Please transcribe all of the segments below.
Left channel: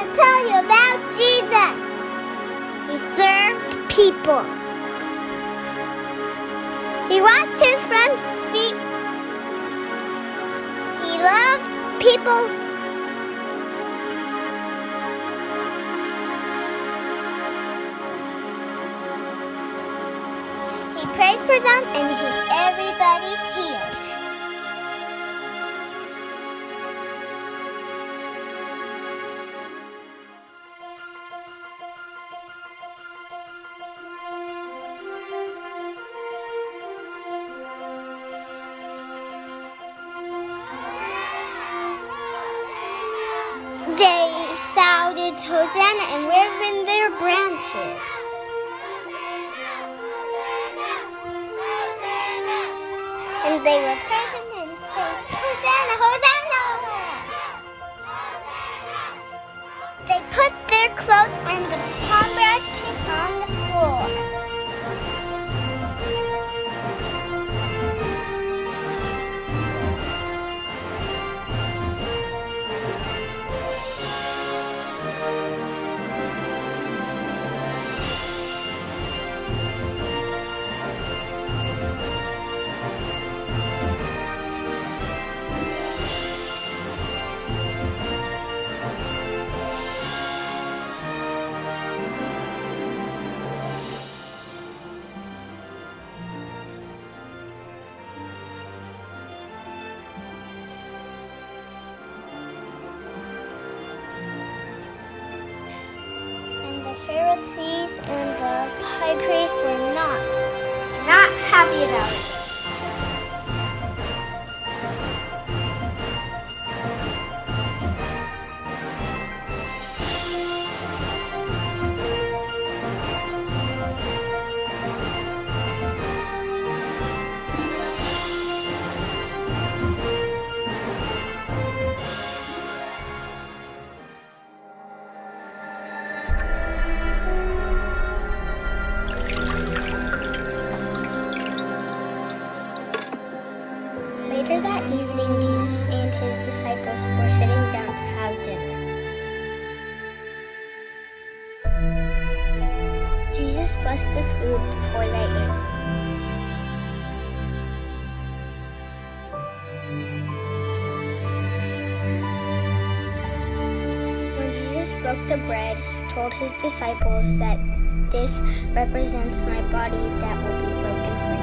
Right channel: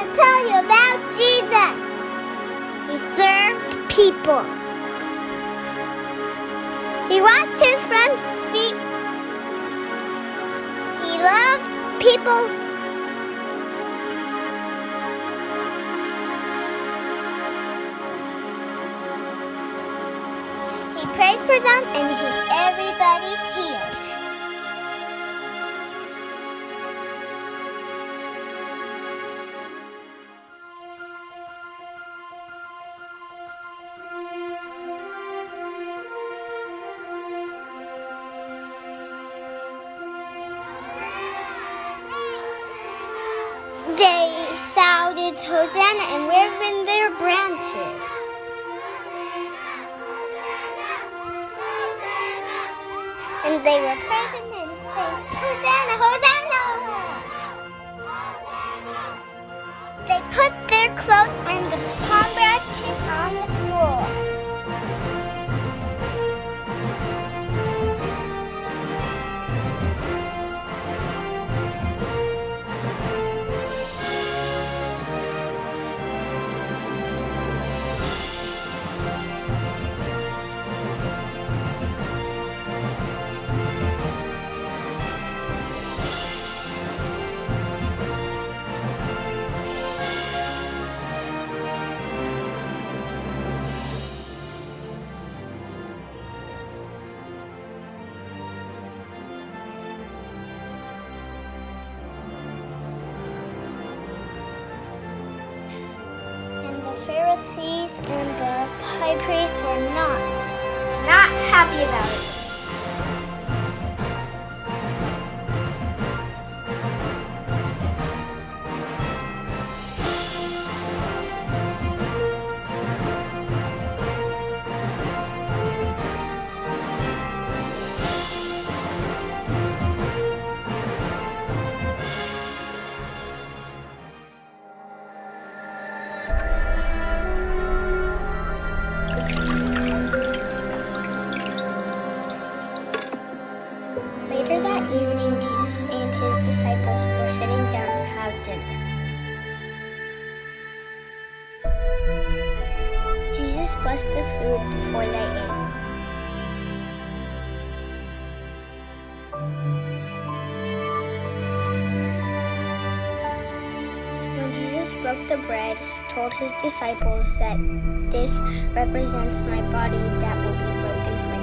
want to tell you about Jesus. He served people. He washed his friends' feet. He loved people. He prayed for them and everybody's healed. They shouted Hosanna and waved in their branches. And they were praising and saying, Hosanna, Hosanna! They put their clothes and the palm branches on the floor. The Pharisees and the high priests were not happy about it. Later that evening, Jesus and his disciples were sitting down to have dinner. Jesus blessed the food before they ate. When Jesus broke the bread, he told his disciples that this represents my body that will be broken for you.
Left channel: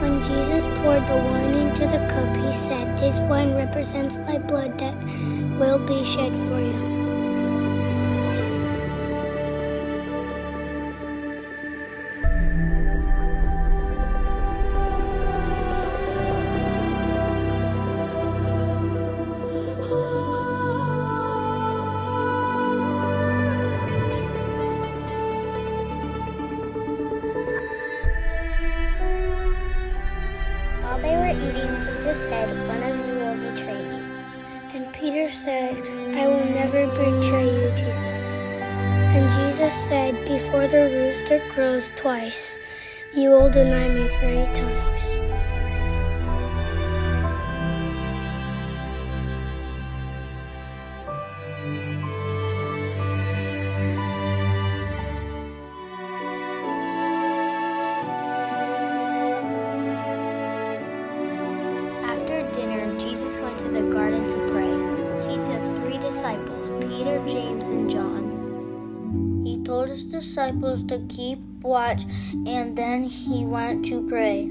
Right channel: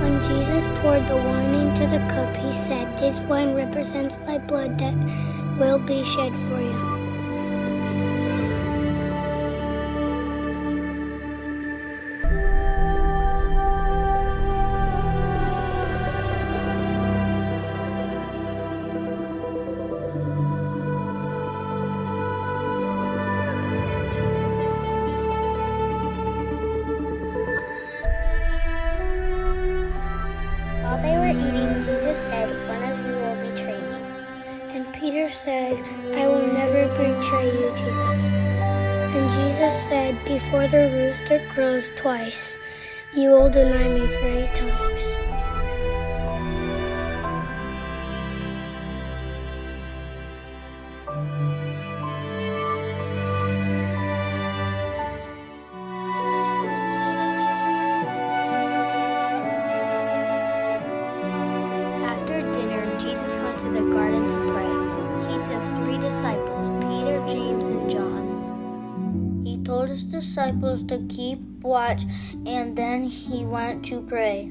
When Jesus poured the wine into the cup, he said, "This wine represents my blood that will be shed for you." While they were eating, Jesus said, "One of you will betray me." And Peter said, "I will never betray you, Jesus." And Jesus said, "Before the rooster crows twice, you will deny me 3 times. After dinner, Jesus went to the garden to pray. He took 3 disciples, Peter, James, and John. He told his disciples to keep watch, and then he went to pray.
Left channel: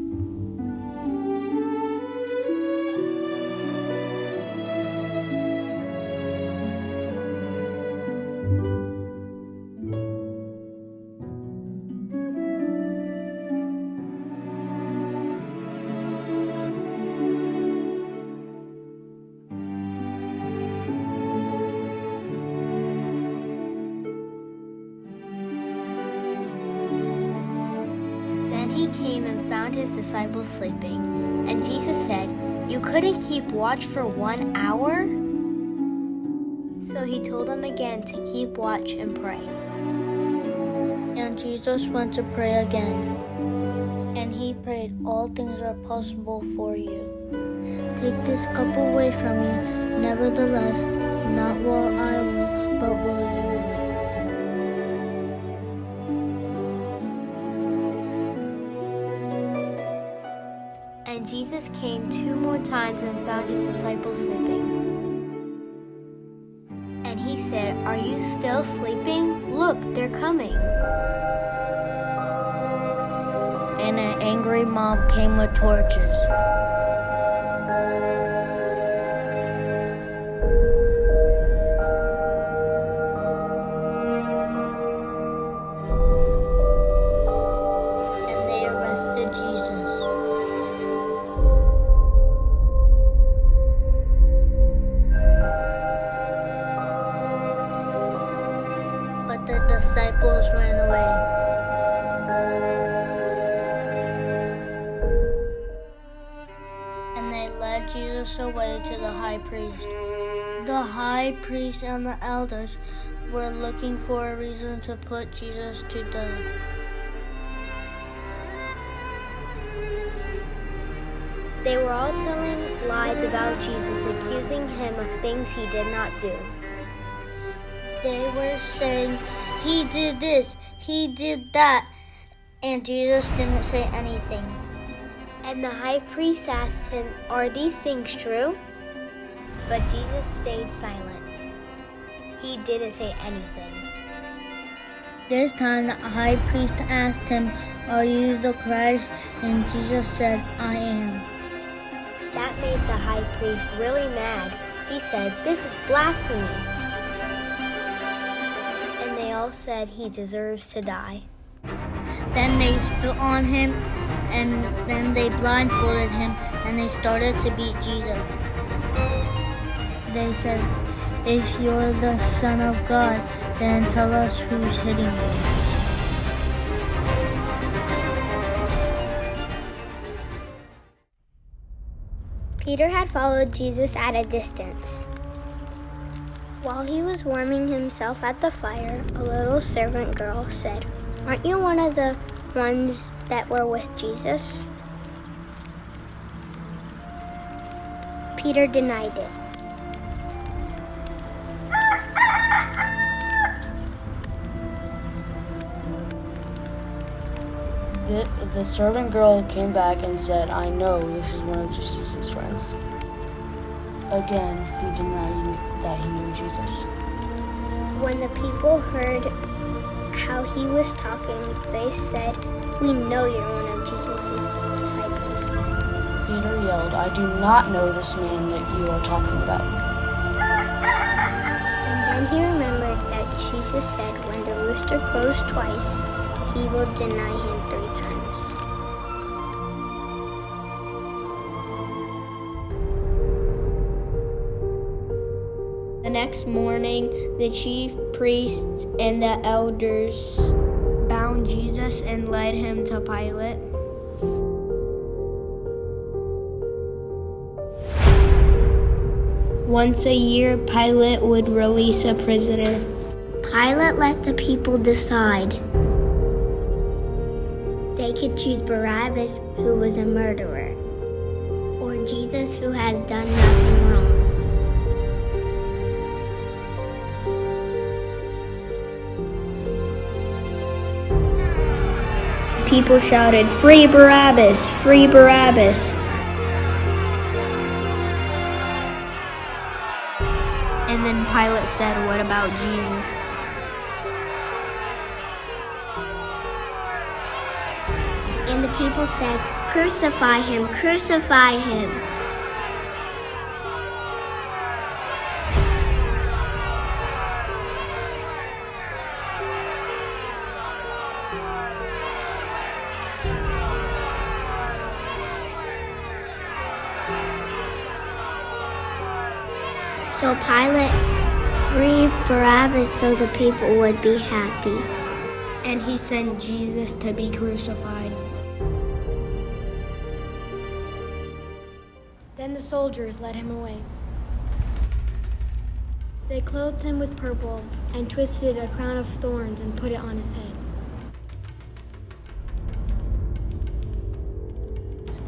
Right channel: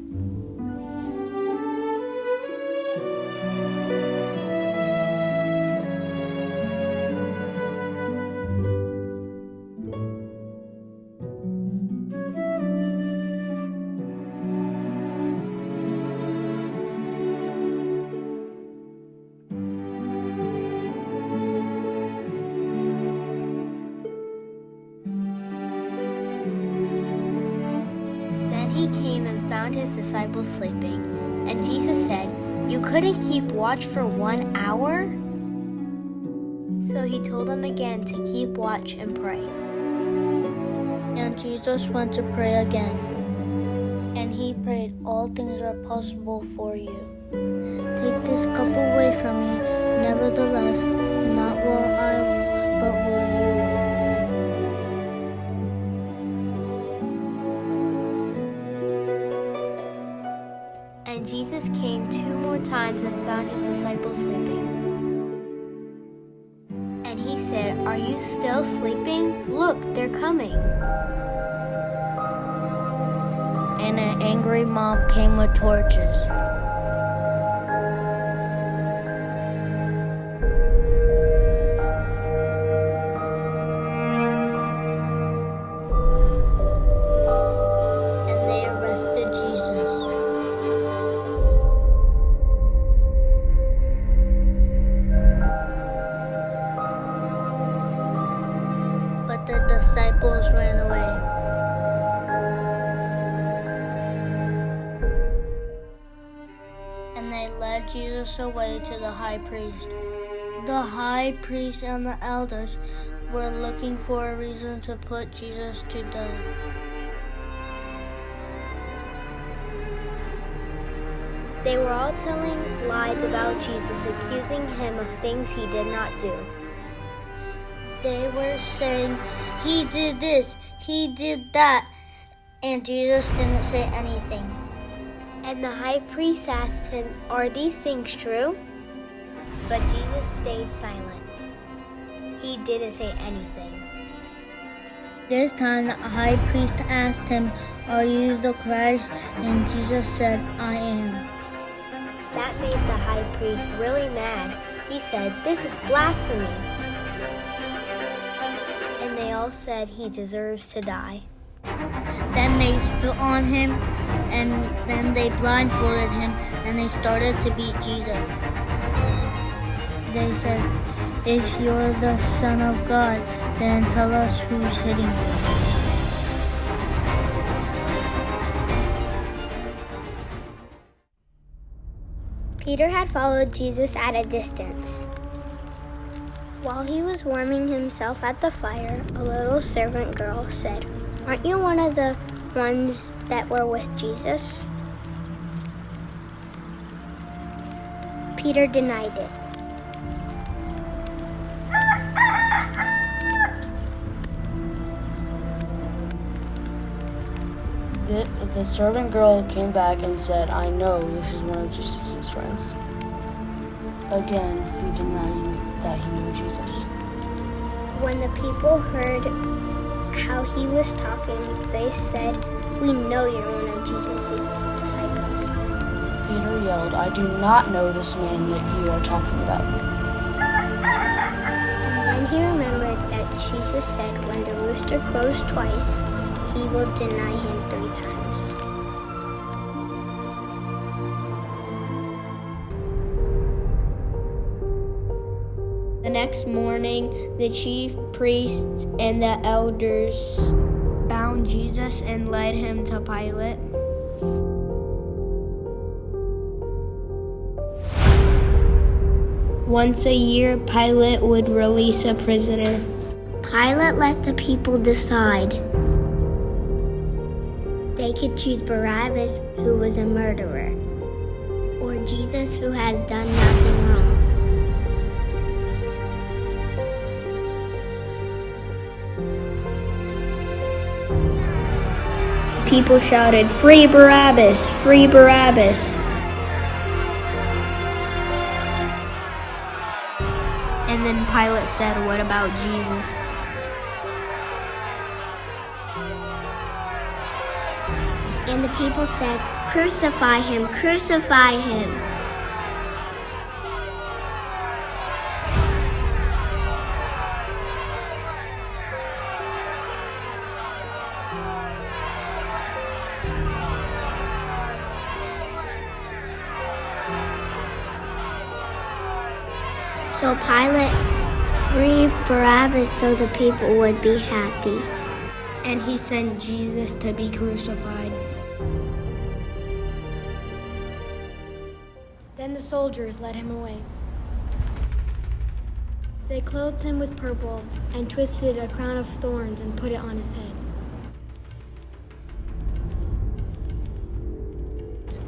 Then he came and found his disciples sleeping. And Jesus said, "You couldn't keep watch for 1 hour?" So he told them again to keep watch and pray. And Jesus went to pray again. And he prayed, "All things are possible for you. Take this cup away from me. Nevertheless, not what I will, but what you will." And Jesus came 2 more times and found his disciples sleeping. And he said, "Are you still sleeping? Look, they're coming." And an angry mob came with torches. And they arrested Jesus. But the disciples ran away. And they led Jesus away to the high priest. The high priest and the elders were looking for a reason to put Jesus to death. They were all telling lies about Jesus, accusing him of things he did not do. They were saying, "He did this, he did that," and Jesus didn't say anything. And the high priest asked him, "Are these things true?" But Jesus stayed silent. He didn't say anything. This time the high priest asked him, "Are you the Christ?" And Jesus said, "I am." That made the high priest really mad. He said, "This is blasphemy." And they all said he deserves to die. Then they spit on him, and then they blindfolded him, and they started to beat Jesus. They said, "If you're the Son of God, then tell us who's hitting you." Peter had followed Jesus at a distance. While he was warming himself at the fire, a little servant girl said, "Aren't you one of the ones that were with Jesus?" Peter denied it. The servant girl came back and said, "I know this is one of Jesus' friends." Again, he denied that he knew Jesus. When the people heard how he was talking, they said, "We know you're one of Jesus' disciples." Peter yelled, "I do not know this man that you are talking about." And then he remembered that Jesus said when the rooster crows twice, he will deny him 3 times. The next morning, the chief priests and the elders bound Jesus and led him to Pilate. Once a year, Pilate would release a prisoner. Pilate let the people decide. They could choose Barabbas, who was a murderer, or Jesus, who has done nothing wrong. People shouted, "Free Barabbas! Free Barabbas!" And then Pilate said, "What about Jesus?" And the people said, "Crucify him, crucify him." So Pilate freed Barabbas so the people would be happy. And he sent Jesus to be crucified. Then the soldiers led him away. They clothed him with purple and twisted a crown of thorns and put it on his head.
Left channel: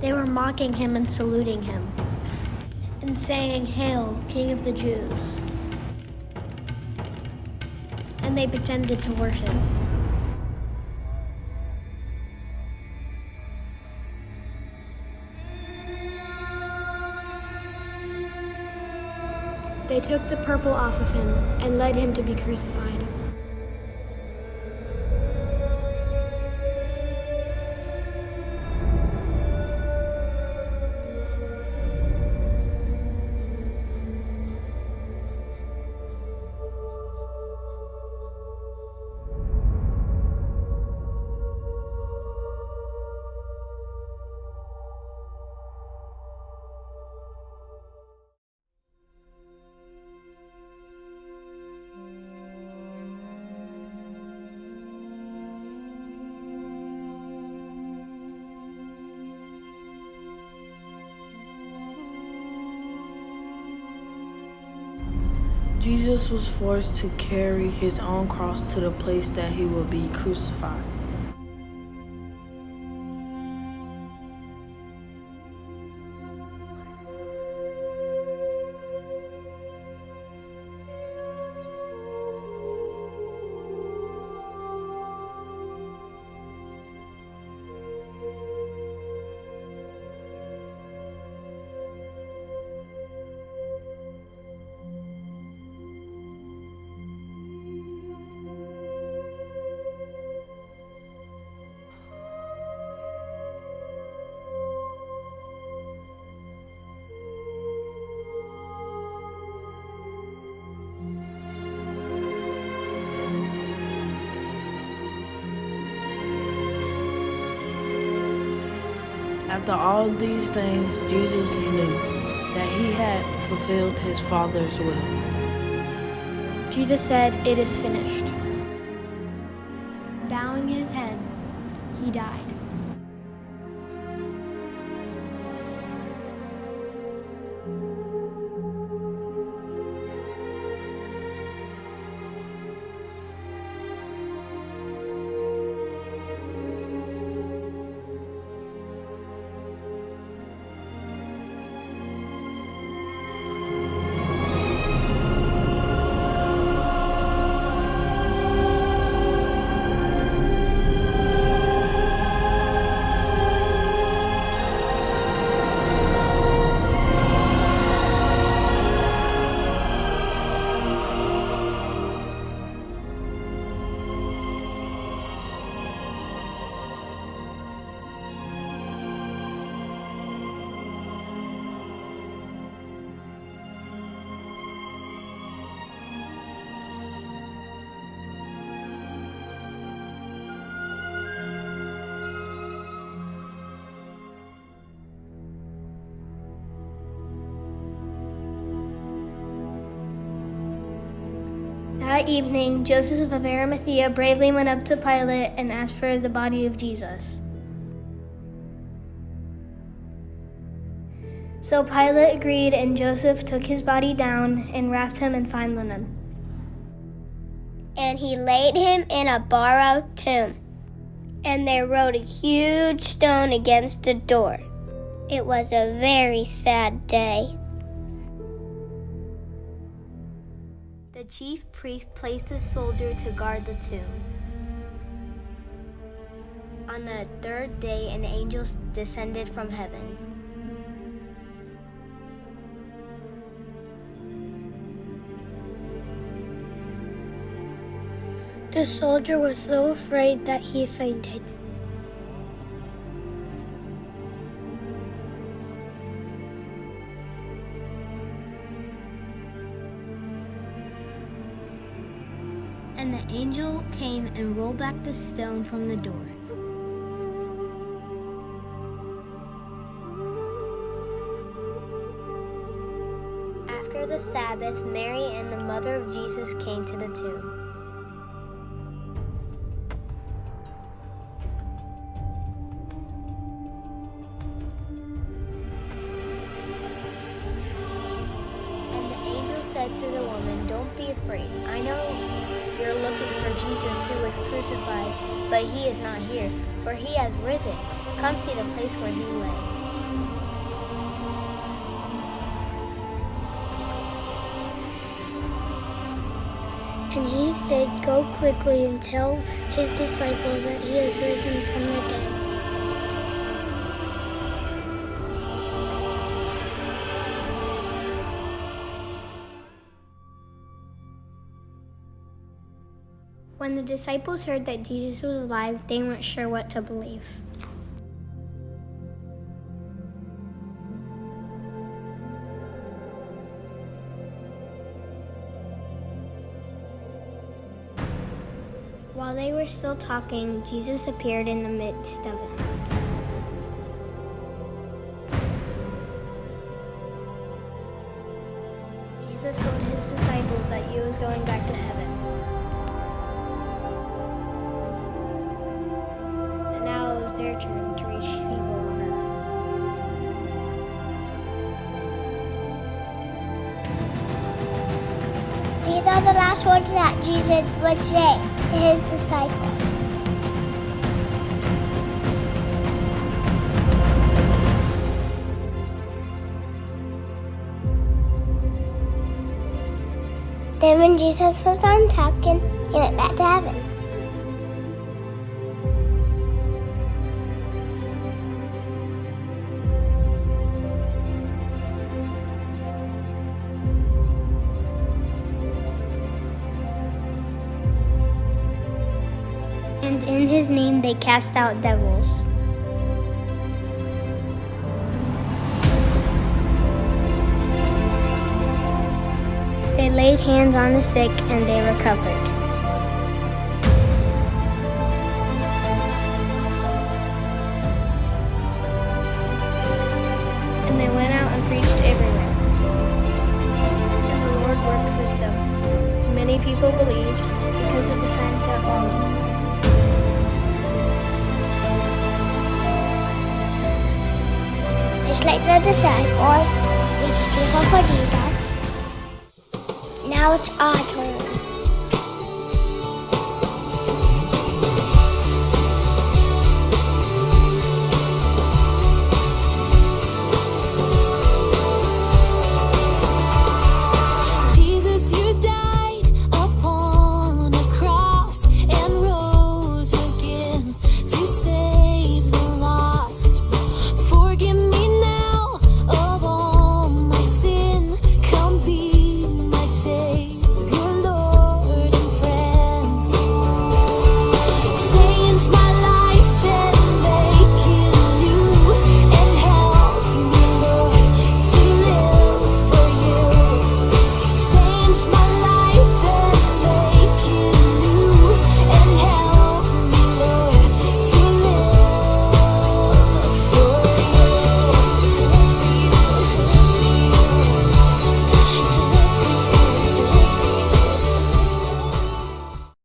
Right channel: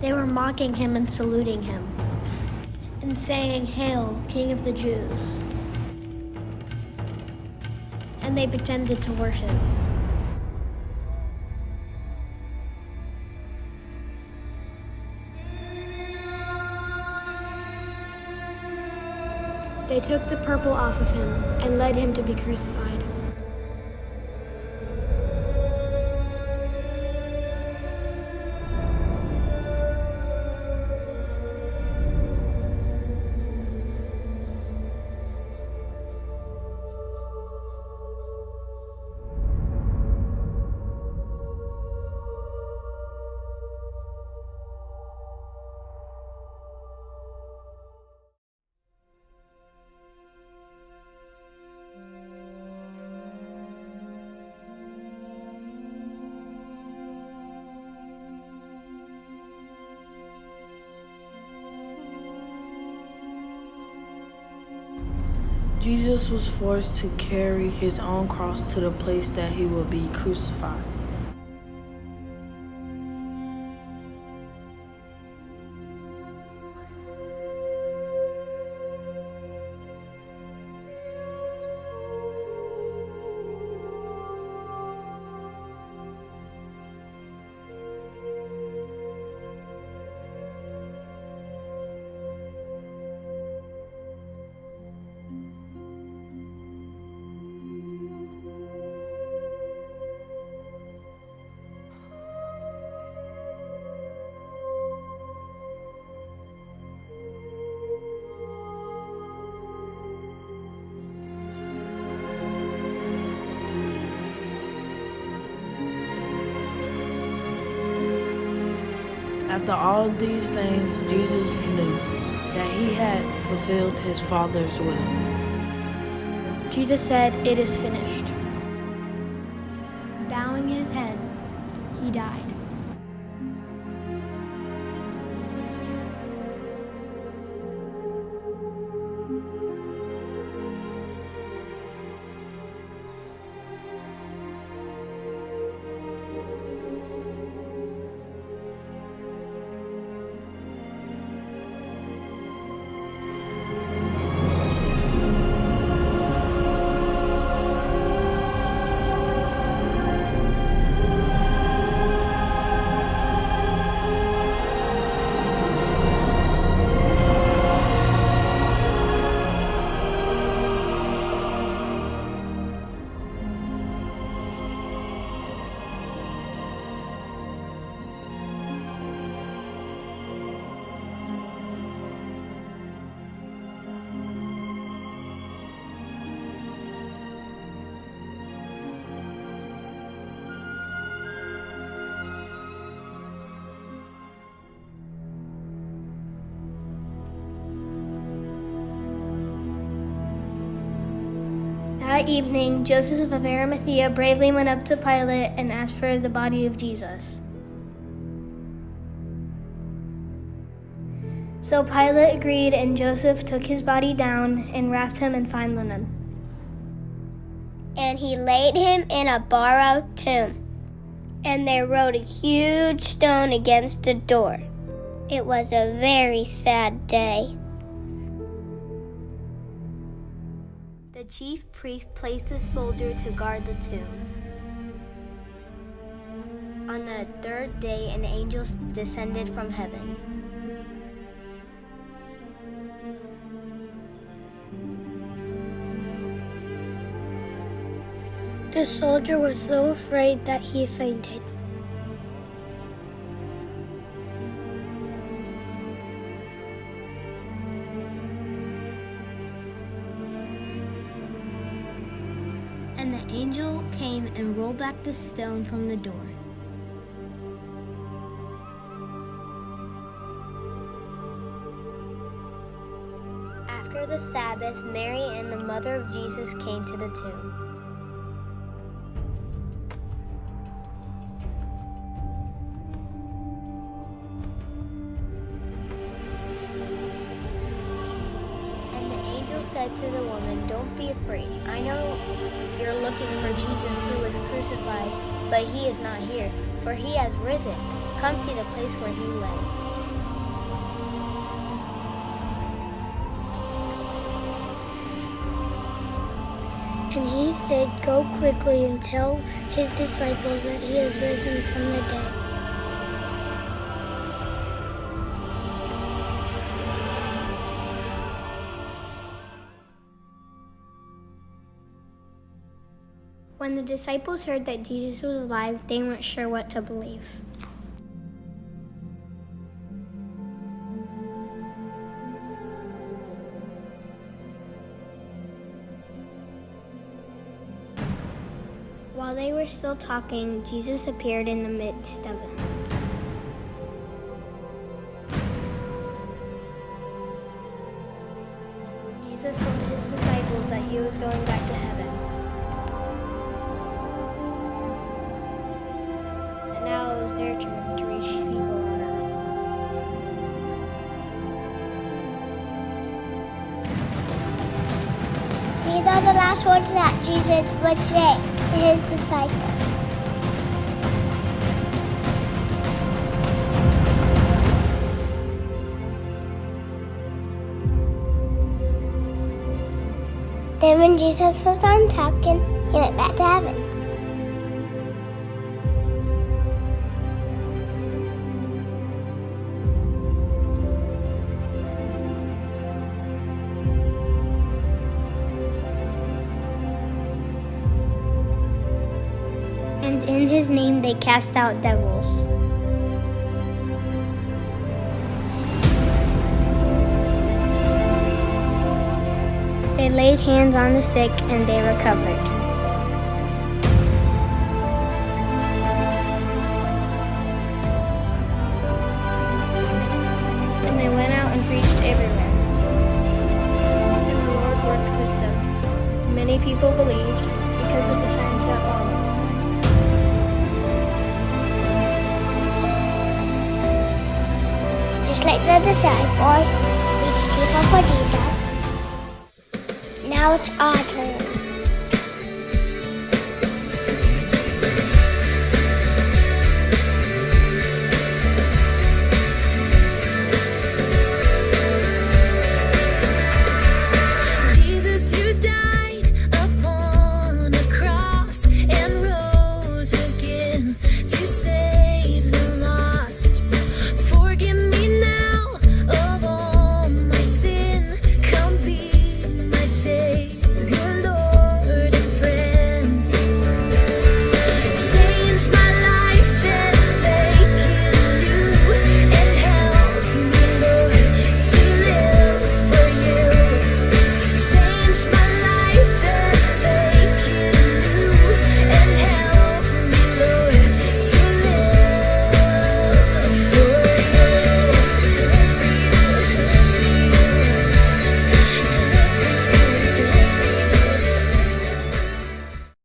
They were mocking him and saluting him, and saying, "Hail, King of the Jews." And they pretended to worship. They took the purple off of him and led him to be crucified. Jesus was forced to carry his own cross to the place that he would be crucified. After all these things, Jesus knew that he had fulfilled his Father's will. Jesus said, "It is finished." Bowing his head, he died. That evening, Joseph of Arimathea bravely went up to Pilate and asked for the body of Jesus. So Pilate agreed, and Joseph took his body down and wrapped him in fine linen. And he laid him in a borrowed tomb. And they rolled a huge stone against the door. It was a very sad day. The chief priest placed a soldier to guard the tomb. On the third day, an angel descended from heaven. The soldier was so afraid that he fainted. And the angel came and rolled back the stone from the door. After the Sabbath, Mary and the mother of Jesus came to the tomb. And the angel said to the woman, "Don't be afraid. I know you're looking for Jesus who was crucified, but he is not here, for he has risen. Come see the place where he lay." And he said, "Go quickly and tell his disciples that he has risen from the dead." When the disciples heard that Jesus was alive, they weren't sure what to believe. While they were still talking, Jesus appeared in the midst of them. Jesus told his disciples that he was going back to heaven. And now it was their turn to reach people on earth. These are the last words that Jesus would say to his disciples. Then when Jesus was done talking, he went back to heaven. And in his name they cast out devils. They laid hands on the sick and they recovered. And they went out and preached everywhere. And the Lord worked with them. Many people believed because of the signs that followed. Just like the disciples reached people for Jesus, now it's our turn.